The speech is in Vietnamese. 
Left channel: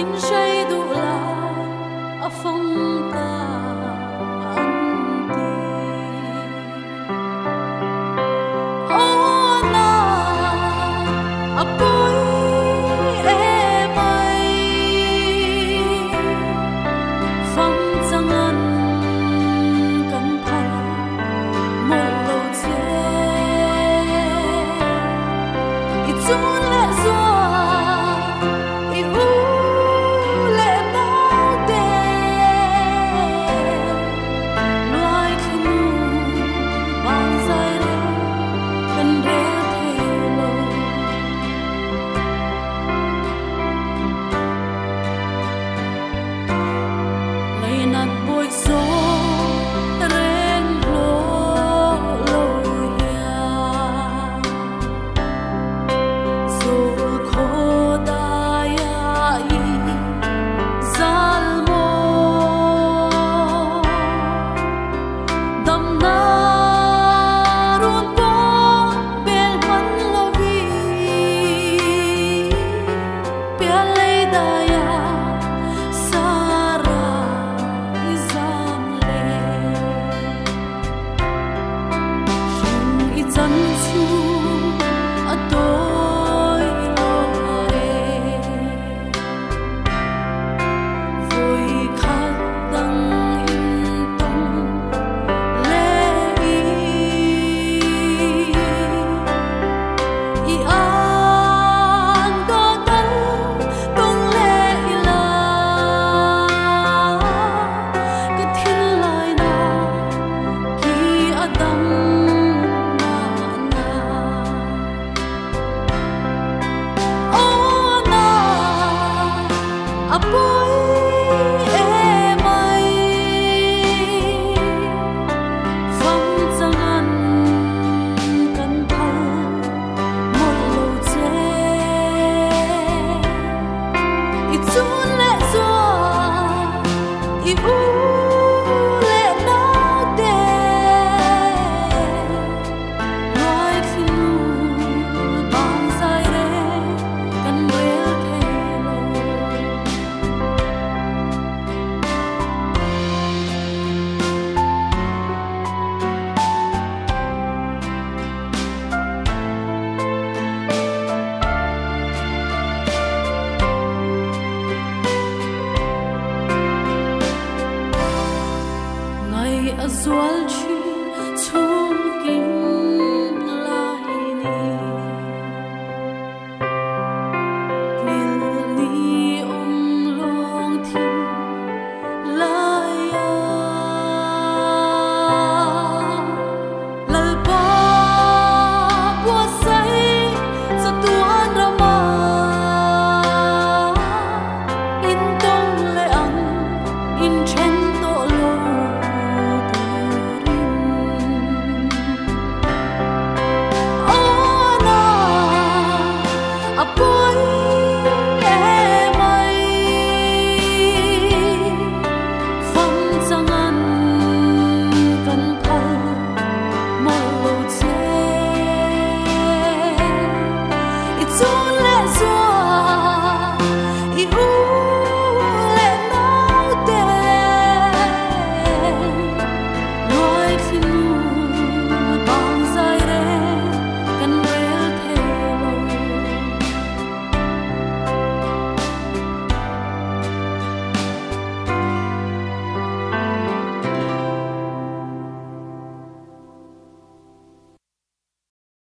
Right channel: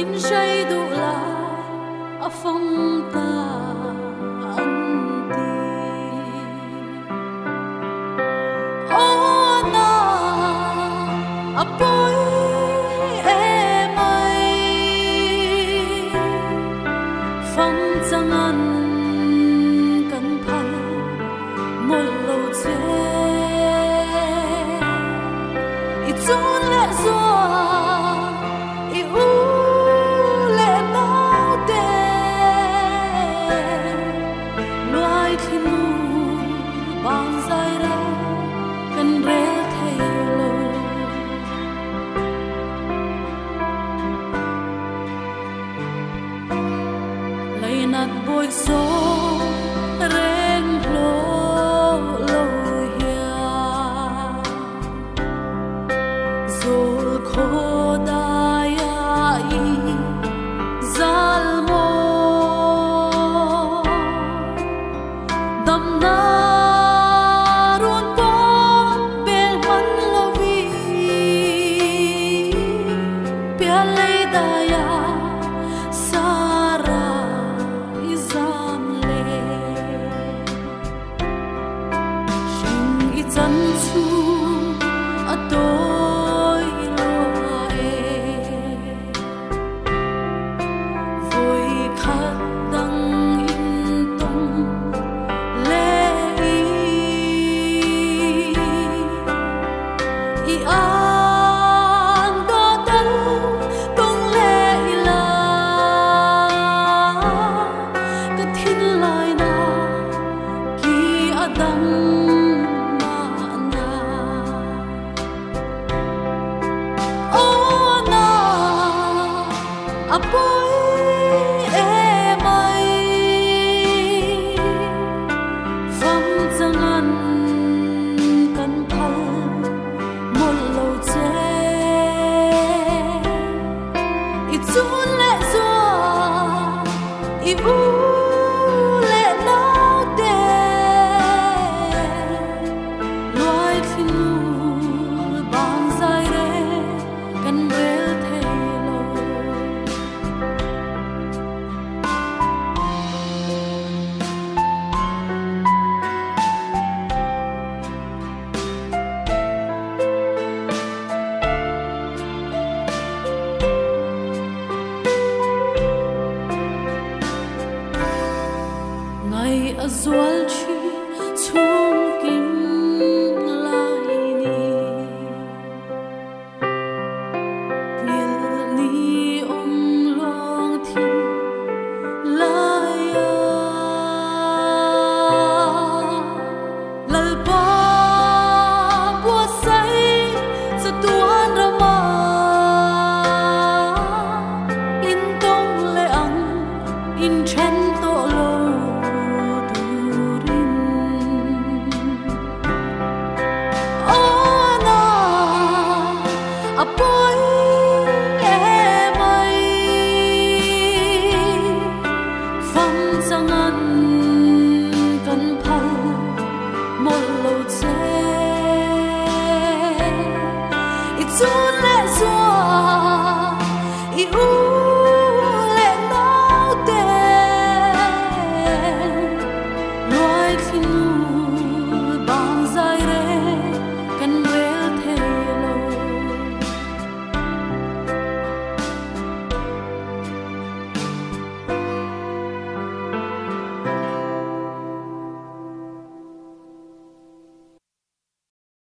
in say du la a phong ta an ti o na a boy e mai phong chang an kan phal mol lo che i chun le zo i u le nau te loai khinu bang zai re kan re thei lo lai nat boy so reng lo lo hia zol kho da ya i zal mo dam na run po bel man lo vi pia lei da ya sara i zam le sing i chan chu a toi lo e vui khát đắng in tông lệ i an có tân tông lệ la cái thiên lai na ki adam ma na o na a boy e mai phong chang an kan phal mol lo che i chun le zo i u le nau te loai khinu bang zai re kan rel thei lo ngày a zual chi chung kim lai ni nil ni om long thin lai ya lal pa bua sai sa tuan rama in tong le ang in chen to lo a boy e mai phong chang an kan phal mol lo che i chun le zo i u